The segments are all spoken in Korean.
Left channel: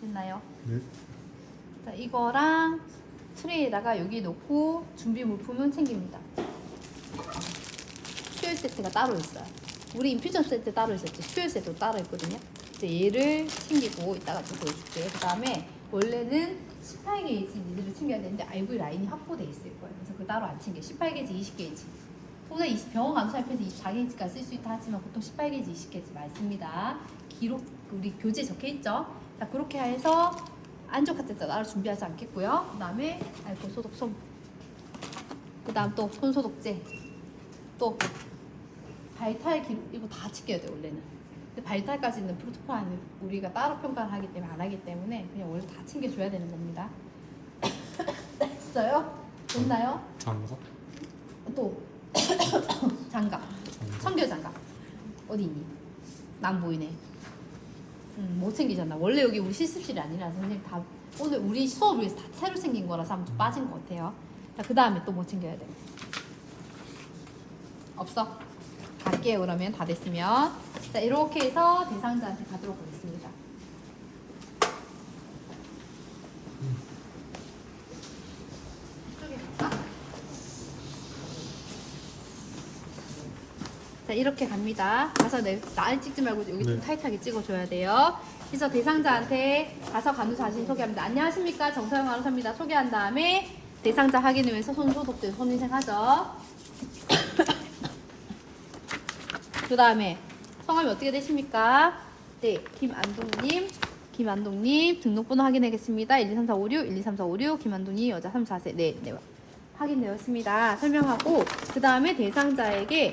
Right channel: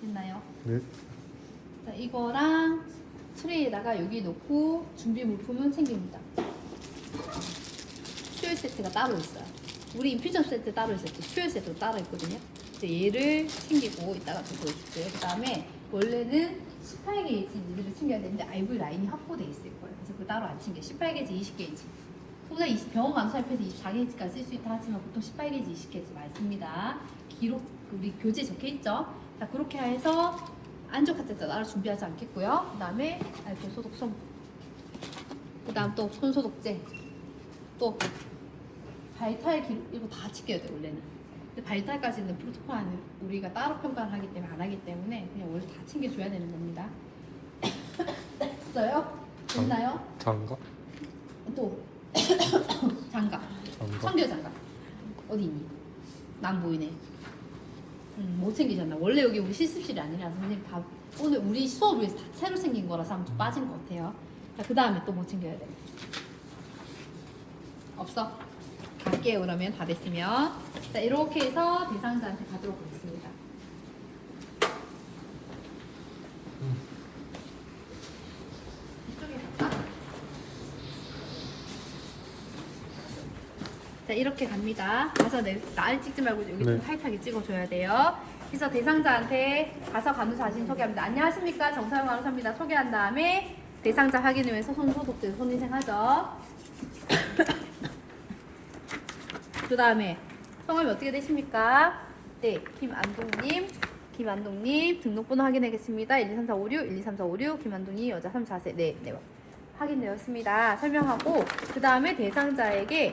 됐나요? 네. 자, 이거랑 트레이에다가 여기 놓고 준비 물품은 챙깁니다. 수혈 세트가 따로 있어요. 우리 인퓨전 세트 따로 있었죠. 수혈 세트 따로 있거든요. 그래서 얘를 챙기고 이따가 또 보여줄게요. 그 다음에 원래는 18게이지 니들을 챙겨야 되는데 IV 라인이 확보돼 있을 거예요. 그래서 그 따로 안 챙겨. 18게이지, 20게이지. 통상 병원 감사협회에서 24게이지까지 쓸 수 있다 하지만 보통 18게이지, 20게이지 많습니다. 기록 우리 교재에 적혀 있죠. 자, 그렇게 해서 안쪽 카테터 따로 준비하지 않겠고요. 그 다음에 알코올 소독 솜. 그 다음 또 손소독제. 또 발탈 기록 이거 다 지켜야 돼 원래는. 근데 발탈까지는 프로토콜 우리가 따로 평가를 하기 때문에 안 하기 때문에 그냥 원래 다 챙겨줘야 되는 겁니다. 됐어요? 됐나요? 장갑? 또 장갑. 청결 장갑. 어디 있니? 난 보이네. 못 챙기셨나? 원래 여기 우리 실습실이 아니라서 선생님 다 오늘 우리 수업을 위해서 다 새로 생긴 거라서 한번 좀 빠진 것 같아요. 자, 그 다음에 또 뭐 챙겨야 돼? 없어? 갈게요. 그러면 다 됐으면. 자, 이렇게 해서 대상자한테 가도록 하겠습니다. 이쪽에 갈까? 자, 이렇게 갑니다. 가서 날 찍지 말고 여기 좀 타이트하게 찍어줘야 돼요. 그래서 대상자한테 가서 간호사 자신 소개합니다. 안녕하십니까, 정서영 간호사입니다. 소개한 다음에 대상자 확인을 위해서 손 소독들 손위생하죠. 그 다음에 성함이 어떻게 되십니까? 네, 김안동님 등록번호 확인하겠습니다. 123456, 123456, 김안동이 여자 34세. 네, 확인되었습니다. 설명하고 그 다음에 대상자에게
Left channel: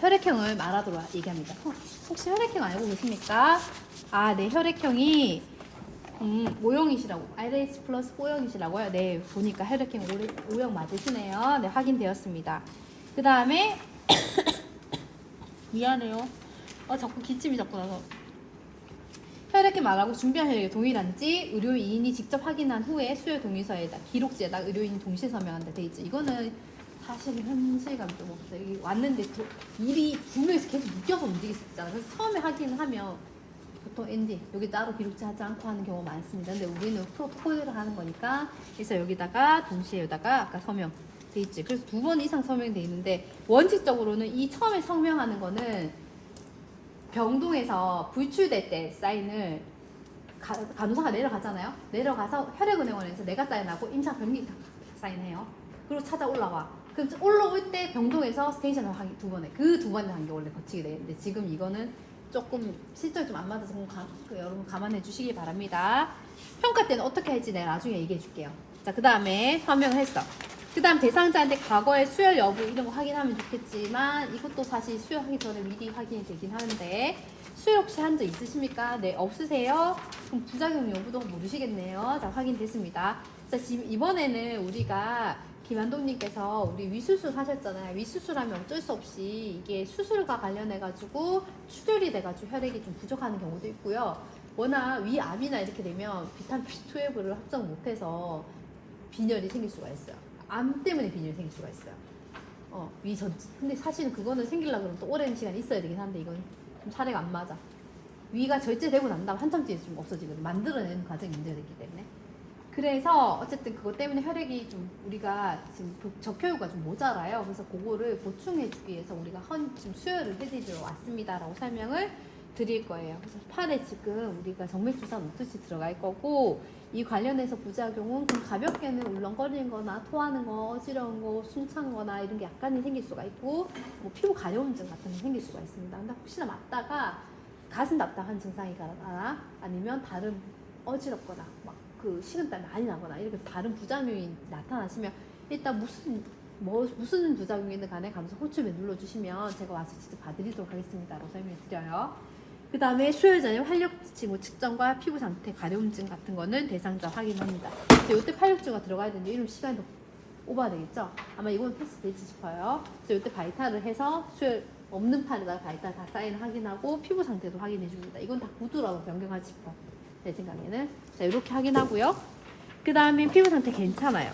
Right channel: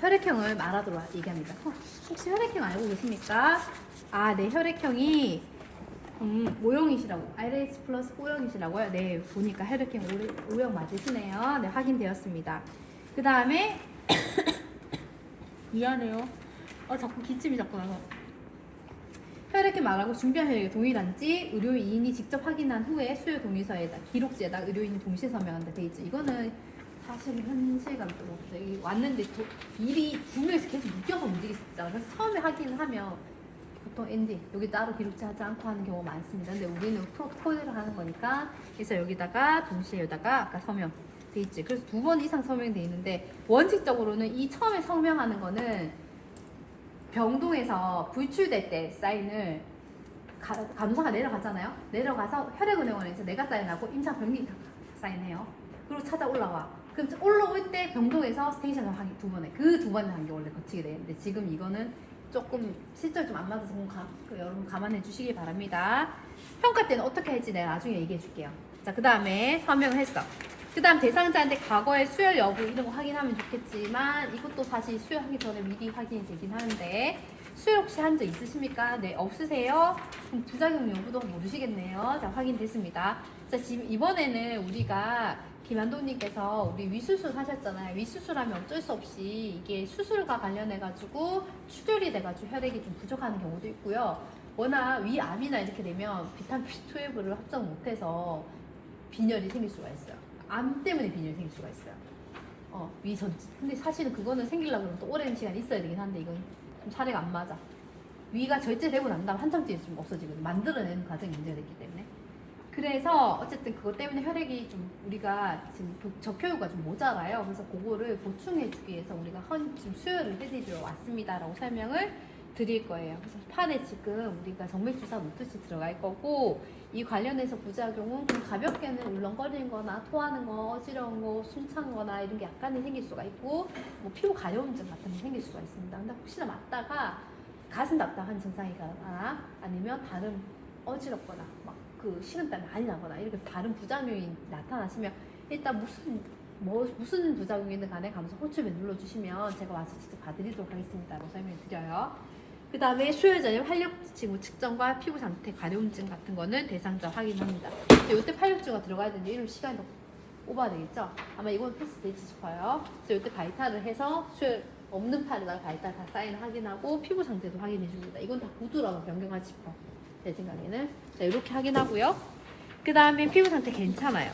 혈액형을 말하도록 얘기합니다. 혹시 혈액형 알고 계십니까? 아, 네, 혈액형이 O형이시라고, RH 플러스 O형이시라고요? 네, 보니까 혈액형 O형 맞으시네요. 네, 확인되었습니다. 그 다음에 미안해요. 자꾸 기침이 자꾸 나서. 혈액형 말하고 준비한 혈액이 동일한지 의료인이 직접 확인한 후에 수혈 동의서에다 기록지에다 의료인이 동시에 서명한다 돼 있죠. 이거는 사실 현실감 좀 없어요. 왔는데 미리 두 명이서 계속 묶여서 움직일 수 있잖아요. 그래서 처음에 확인을 하면 보통 ND 여기 따로 기록지 하지 않고 하는 경우가 많습니다. 근데 우리는 프로토콜을 하는 거니까 그래서 여기다가 동시에 여기다가 아까 서명 돼 있지. 그래서 2번 이상 서명돼 있는데 원칙적으로는 이 처음에 서명하는 거는 병동에서 불출될 때 사인을 간호사가 내려가잖아요. 내려가서 혈액은행원에서 내가 사인하고 임상 변기 사인해요. 그리고 찾아 올라와. 그럼 올라올 때 병동에서 스테이션을 하기 2번에 그 2번을 한 게 원래 거치게 되는데 지금 이거는 조금 실적이 좀 안 맞아서 여러분 감안해 주시기 바랍니다. 평가 때는 어떻게 할지 내가 나중에 얘기해 줄게요. 자, 그 다음에 서명을 했어. 그 다음 대상자한테 과거의 수혈 여부 이런 거 확인하면 좋겠지만 이것도 사실 수혈하기 전에 미리 확인이 되긴 하는데 수혈 혹시 한 적 있으십니까? 네, 없으세요? 그럼 부작용 여부도 모르시겠네요. 자, 확인됐습니다. 자, 지금 이번에는 우리가 김한동님께서 우리 위수술 하셨잖아요. 위수술하면 어쩔 수 없이 이게 수술과 관련해가지고 출혈이 돼가지고 혈액이 좀 부족한 경우도 있고요. 워낙 위암이나 이렇게 되면 비타민 B12를 합성 못해서 빈혈이 생길 수가 있어요. 암 때문에 빈혈이 생길 수가 있어요. 근데 사실은 그거는 생기려고 하면 또 오랜 시간 있어야 되긴 한데 이건 좀 사례가 안 맞아. 위가 절제되고 난 다음 한참 뒤에 좀 없어지거든. 만들어내는 과정이 문제가 있기 때문에. 그래서 어쨌든 그것 때문에 혈액이 좀 우리가 지금 적혈구가 좀 모자라요. 그래서 그거를 보충해주기 위해서 우리가 지금 수혈을 해드리러 왔습니다라고 설명을 드릴 거예요. 그래서 팔에 지금 우리가 정맥주사 놓듯이 들어갈 거고 이 관련해서 부작용은 좀 가볍게는 울렁거리는 거나 토하는 거, 어지러운 거, 숨찬 거나 이런 게 약간은 생길 수가 있고 뭐 피부 가려움증 같은 게 생길 수가 있습니다. 근데 혹시나 맞다가 가슴 답답한 증상이거나 아니면 다른 어지럽거나 그 식은땀이 많이 나거나 이렇게 다른 부작용이 나타나시면 일단 무슨 부작용이든 간에 가면서 호출벨 눌러주시면 제가 와서 직접 봐드리도록 하겠습니다라고 설명드려요. 그 다음에 수혈 전에 활력증 측정과 피부 상태, 가려움증 같은 거는 대상자 확인합니다. 이때 활력증가 들어가야 되는데 이러면 시간이 더 오버가 되겠죠? 아마 이건 패스 되지 싶어요. 그래서 이때 바이탈을 해서 수혈 없는 팔에다가 바이탈 다 사인 확인하고 피부 상태도 확인해 줍니다. 이건 다 구두라고 변경하지 싶어요. 제 생각에는. 자, 이렇게 확인하고요. 그 다음에 피부 상태 괜찮아요.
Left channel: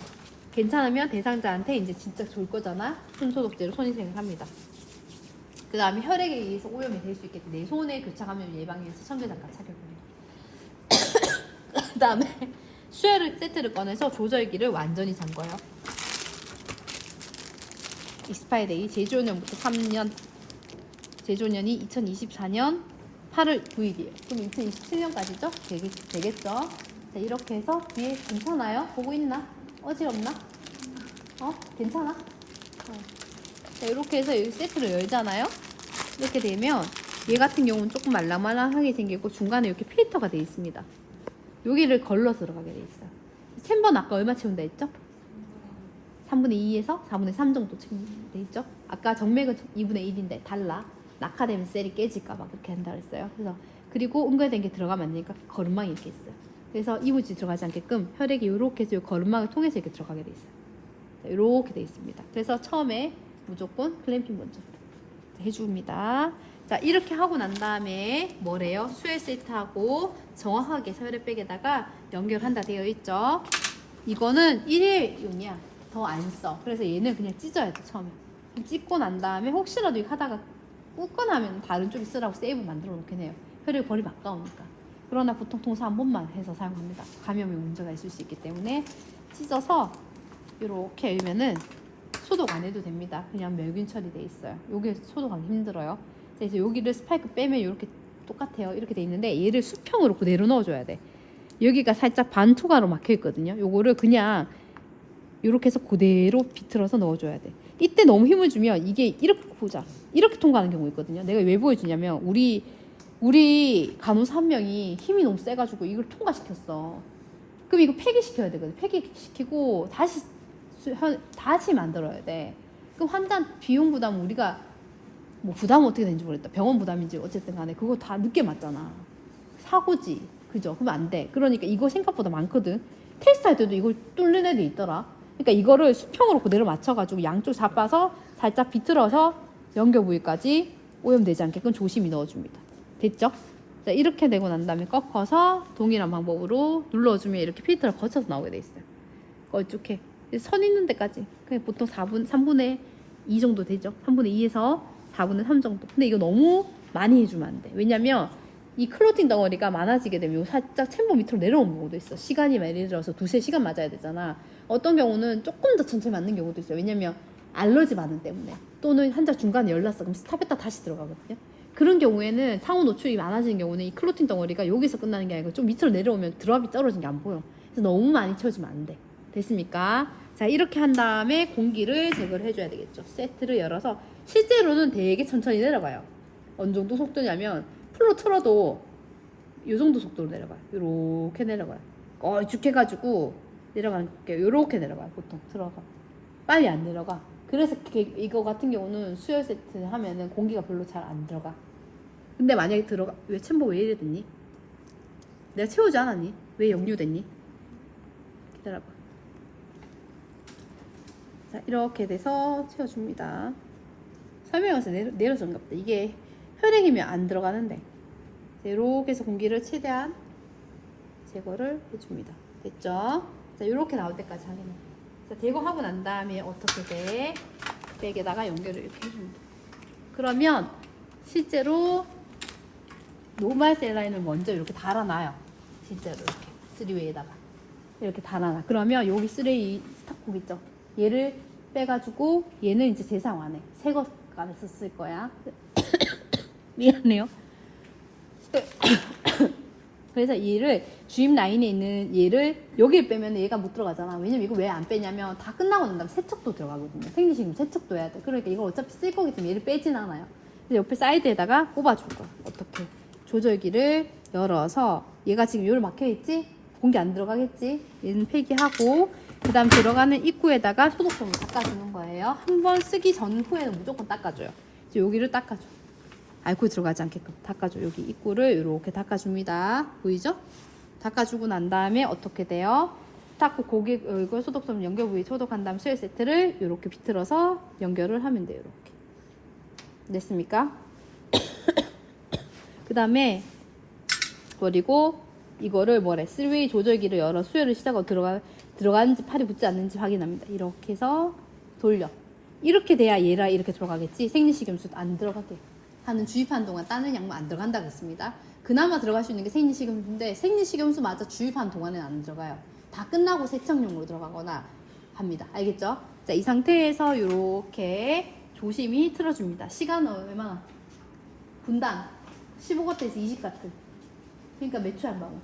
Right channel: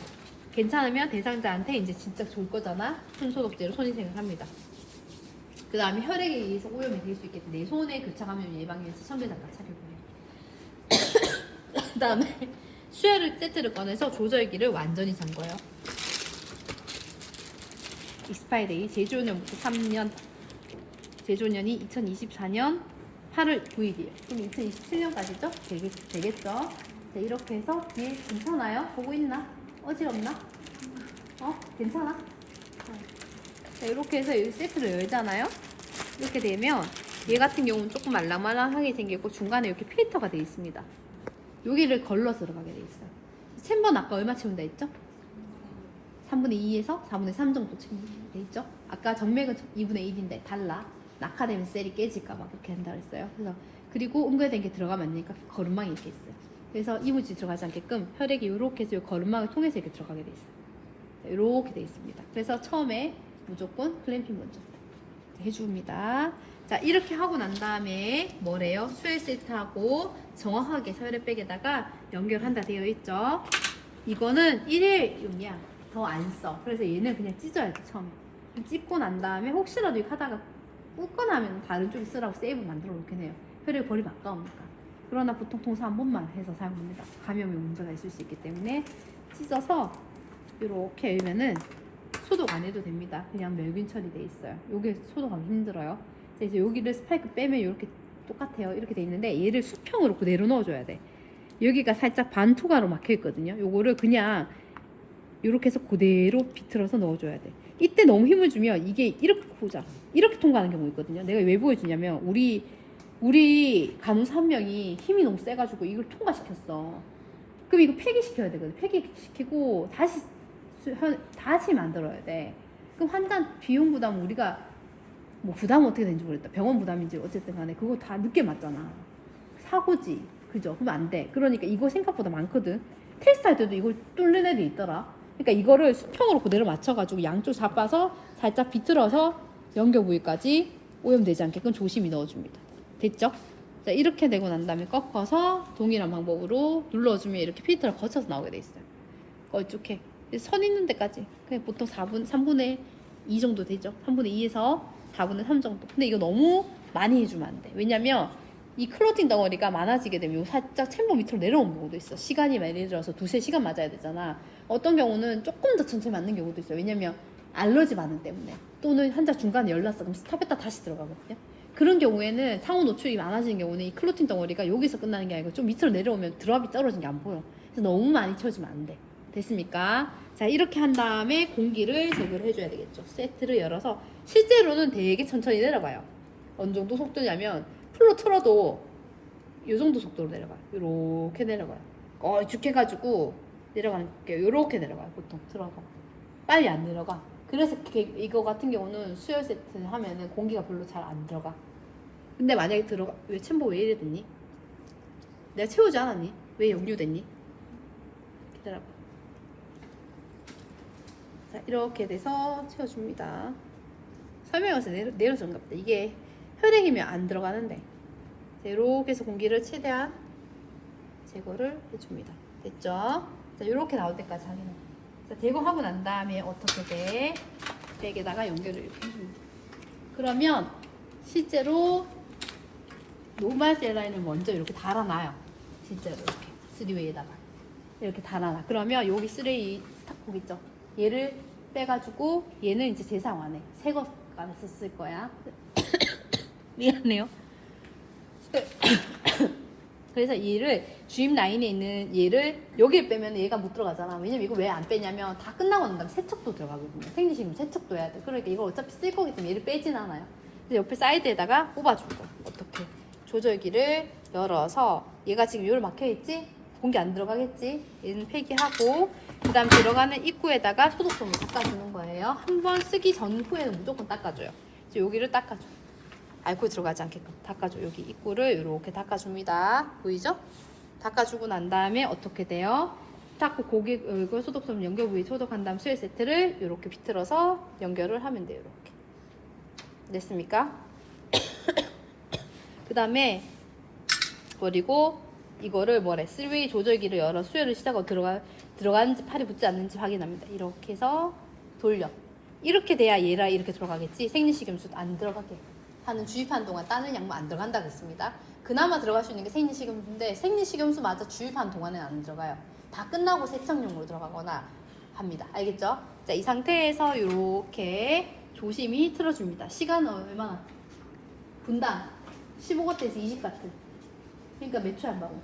괜찮으면 대상자한테 이제 진짜 좋을 거잖아. 손 소독제로 손위생을 합니다. 그 다음에 혈액에 의해서 오염이 될 수 있기 때문에 내 손에 교차 감염 예방에 위해서 청결장갑 착용해요. 그 다음에 수혈 세트를 꺼내서 조절기를 완전히 잠궈요. 익스파이데이 제조년부터 3년, 제조년이 2024년 8월 9일이에요. 그럼 2027년까지죠? 되겠죠? 자, 이렇게 해서 뒤에 괜찮아요? 보고 있나? 어지럽나? 괜찮아? 자, 이렇게 해서 이 세트를 열잖아요? 이렇게 되면 얘 같은 경우는 조금 말랑말랑하게 생기고 중간에 이렇게 필터가 되어 있습니다. 여기를 걸러서 들어가게 되어 있어요. 챔버는 아까 얼마 채운다 했죠? 3분의 2에서 4분의 3 정도 채운다 했죠? 아까 정맥은 2분의 1인데 달라. 낙하되면 셀이 깨질까봐 그렇게 한다 그랬어요. 그리고 옮겨야 게 들어가면 안 되니까 거름망이 이렇게 있어요. 그래서 이물질 들어가지 않게끔 혈액이 이렇게 해서 거름망을 통해서 이렇게 들어가게 돼 있어요. 이렇게 돼 있습니다. 그래서 처음에 무조건 클램핑 먼저 해줍니다. 자, 이렇게 하고 난 다음에 뭐래요? 수혈 세트하고 정확하게 혈액백에다가 연결한다 되어 있죠. 이거는 1회용이야. 더 안 써. 그래서 얘는 그냥 찢어야 돼, 처음에. 찢고 난 다음에 혹시라도 이거 하다가 꽂거나 하면 다른 쪽에 쓰라고 세이브 만들어 놓긴 해요. 혈액 버리면 아까우니까. 그러나 보통 통사 한 번만 해서 사용합니다. 감염에 문제가 있을 수 있기 때문에 찢어서 이렇게 열면은 소독 안 해도 됩니다. 그냥 멸균 처리돼 있어요. 요게 소독하기 힘들어요. 그래서 여기를 스파이크 빼면 이렇게 똑같아요. 이렇게 돼 있는데 얘를 수평으로 그대로 넣어줘야 돼. 여기가 살짝 반투과로 막혀 있거든요. 요거를 그냥 이렇게 해서 그대로 비틀어서 넣어줘야 돼. 이때 너무 힘을 주면 이게 이렇게 보자. 이렇게 통과하는 경우 있거든요. 내가 왜 보여주냐면 우리 간호사 한 명이 힘이 너무 세가지고 이걸 통과시켰어. 그럼 이거 폐기시켜야 되거든. 폐기시키고 다시 만들어야 돼. 그럼 환자 비용 부담은 우리가 뭐 부담은 어떻게 되는지 모르겠다. 병원 부담인지 어쨌든 간에 그거 다 늦게 맞잖아. 사고지. 그죠? 그러면 안 돼. 그러니까 이거 생각보다 많거든. 테스트 할 때도 이걸 뚫는 애들이 있더라. 그러니까 이거를 수평으로 그대로 맞춰가지고 양쪽 잡아서 살짝 비틀어서 연결 부위까지 오염되지 않게끔 조심히 넣어줍니다. 됐죠? 자, 이렇게 되고 난 다음에 꺾어서 동일한 방법으로 눌러주면 이렇게 필터를 거쳐서 나오게 돼 있어요. 이렇게 선 있는 데까지 그냥 보통 3분의 2 정도 되죠. 3분의 2에서 4분의 3 정도. 근데 이거 너무 많이 해주면 안 돼. 왜냐면 이 클로틴 덩어리가 많아지게 되면 살짝 챔버 밑으로 내려오는 경우도 있어. 시간이 예를 들어서 2~3시간 맞아야 되잖아. 어떤 경우는 조금 더 천천히 맞는 경우도 있어요. 왜냐면 알러지 반응 때문에. 또는 환자 중간에 열났어. 그럼 스탑했다 다시 들어가거든요. 그런 경우에는 상온 노출이 많아지는 경우는 이 클로틴 덩어리가 여기서 끝나는 게 아니고 좀 밑으로 내려오면 드랍이 떨어진 게 안 보여. 그래서 너무 많이 채워주면 안 돼. 됐습니까? 자, 이렇게 한 다음에 공기를 제거를 해줘야 되겠죠. 세트를 열어서 실제로는 되게 천천히 내려가요. 어느 정도 속도냐면 풀로 틀어도 이 정도 속도로 내려가요. 이렇게 내려가요. 걸쭉해가지고 내려가는 게 이렇게 내려가요. 보통 들어가 빨리 안 내려가. 그래서 이거 같은 경우는 수혈 세트 하면은 공기가 별로 잘 안 들어가. 근데 만약에 들어가, 왜 챔버 왜 이래 됐니? 내가 채우지 않았니? 왜 역류됐니? 기다려봐. 자, 이렇게 돼서 채워줍니다. 설명해서 내려준가 보다. 이게 혈액이면 안 들어가는데. 자, 이렇게 해서 공기를 최대한 제거를 해줍니다. 됐죠? 자, 이렇게 나올 때까지 하는 거. 자, 제거하고 난 다음에 어떻게 돼? 백에다가 연결을 이렇게 해줍니다. 그러면 실제로 노멀 셀라인을 먼저 이렇게 달아놔요. 실제로 이렇게 3웨이에다가 이렇게 달아놔. 그러면 여기 3웨이 스타콕 있죠? 얘를 빼가지고 얘는 이제 재사용 안 해. 새거 안에서 쓸 거야. 미안해요. 그래서 얘를 주입 라인에 있는 얘를 여기를 빼면 얘가 못 들어가잖아. 왜냐면 이거 왜 안 빼냐면 다 끝나고 난 다음에 세척도 들어가거든요. 생리식품 세척도 해야 돼. 그러니까 이거 어차피 쓸 거기 때문에 얘를 빼진 않아요. 그래서 옆에 사이드에다가 꼽아줄 거. 어떻게 조절기를 열어서 얘가 지금 여기 막혀있지? 공기 안 들어가겠지? 얘는 폐기하고 그 다음 들어가는 입구에다가 소독성을 닦아주는 거예요. 한 번 쓰기 전후에는 무조건 닦아줘요. 이제 여기를 닦아줘. 알코올 들어가지 않게끔 닦아줘. 여기 입구를 이렇게 닦아줍니다. 보이죠? 닦아주고 난 다음에 어떻게 돼요? 닦고 고기 얼굴 소독성 연결 부위 소독한 다음 수혈 세트를 이렇게 비틀어서 연결을 하면 돼요. 이렇게 됐습니까? 그 다음에 그리고 이거를 뭐래 3웨이 조절기를 열어 수혈을 시작하고 들어가는지 팔이 붙지 않는지 확인합니다. 이렇게 해서 돌려. 이렇게 돼야 얘라 이렇게 들어가겠지. 생리식염수 안 들어가게 하는 주입하는 동안 다른 약물 안 들어간다고 했습니다. 그나마 들어갈 수 있는 게 생리식염수인데 생리식염수마저 주입한 동안에는 안 들어가요. 다 끝나고 세척용으로 들어가거나 합니다. 알겠죠? 자, 이 상태에서 이렇게 조심히 틀어줍니다. 시간은 얼마나? 분당 15W에서 20W. 그러니까 몇 초에 한 방울?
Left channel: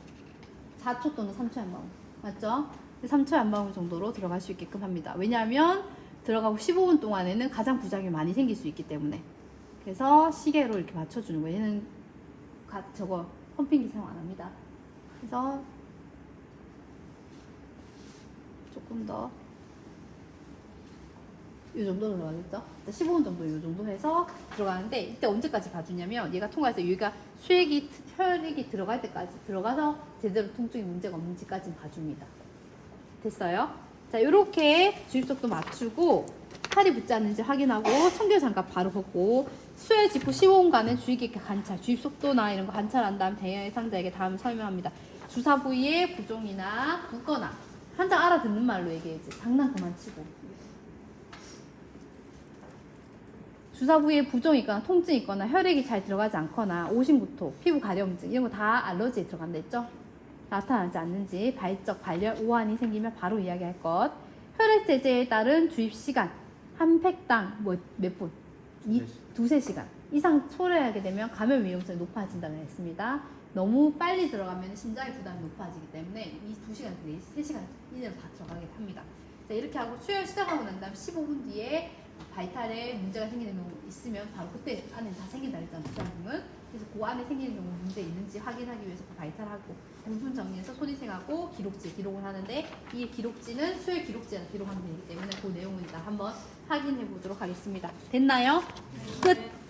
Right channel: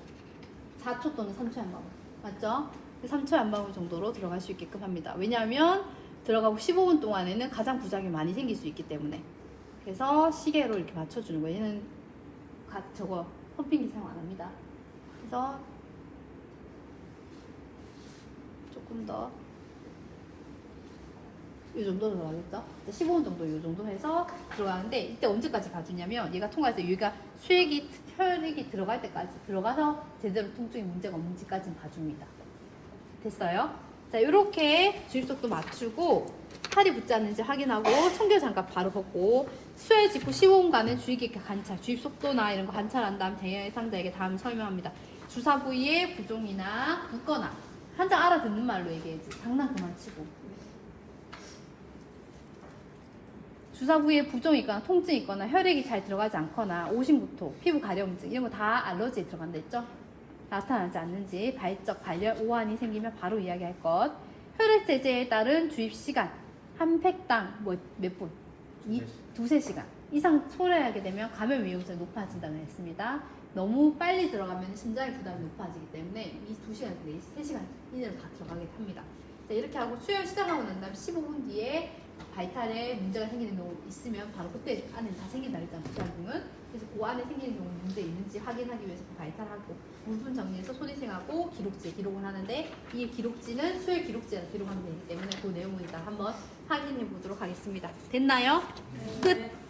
4초 또는 3초에 한 방울. 맞죠? 3초에 한 방울 정도로 들어갈 수 있게끔 합니다. 왜냐하면 들어가고 15분 동안에는 가장 부작용이 많이 생길 수 있기 때문에. 그래서 시계로 이렇게 맞춰주는 거예요. 얘는 저거 펌핑기 사용 안 합니다. 그래서 조금 더 이 정도 들어가겠죠? 15분 정도 이 정도 해서 들어가는데 이때 언제까지 봐주냐면 얘가 통과해서 여기가 혈액이 들어갈 때까지 들어가서 제대로 통증이 문제가 없는지까지는 봐줍니다. 됐어요? 자, 이렇게 주입속도 맞추고 살이 붙지 않는지 확인하고 청결장갑 바로 벗고 수혈 직후 15분간은 주의 깊게 관찰, 주입속도나 이런 거 관찰한 다음 대여의 상자에게 다음 설명합니다. 주사 부위에 부종이나 붓거나 한장 알아듣는 말로 얘기해야지. 장난 그만 치고. 주사 부위에 부종이 있거나 통증이 있거나 혈액이 잘 들어가지 않거나 오심구토, 피부 가려움증 이런 거 다 알러지에 들어간다 했죠? 나타나지 않는지 발적, 발열, 오한이 생기면 바로 이야기할 것. 혈액 제제에 따른 주입 시간 한 팩당 몇 분? 두세 시간 이상 소요하게 되면 감염 위험성이 높아진다고 했습니다. 너무 빨리 들어가면 심장의 부담이 높아지기 때문에 이 2시간, 3시간 이내로 다 들어가게 합니다. 자, 이렇게 하고 수혈 시작하고 난 다음 15분 뒤에 바이탈에 문제가 생기는 경우 있으면 바로 그때 안에 다 생긴다 했잖아요. 부작용은. 그래서 그 안에 생기는 경우 문제 있는지 확인하기 위해서 그 바이탈하고 부분 정리해서 소리생하고 기록지 기록을 하는데 이 기록지는 수혈 기록지에다 기록하면 되기 때문에 그 내용을 일단 한번 확인해 보도록 하겠습니다. 됐나요? 끝!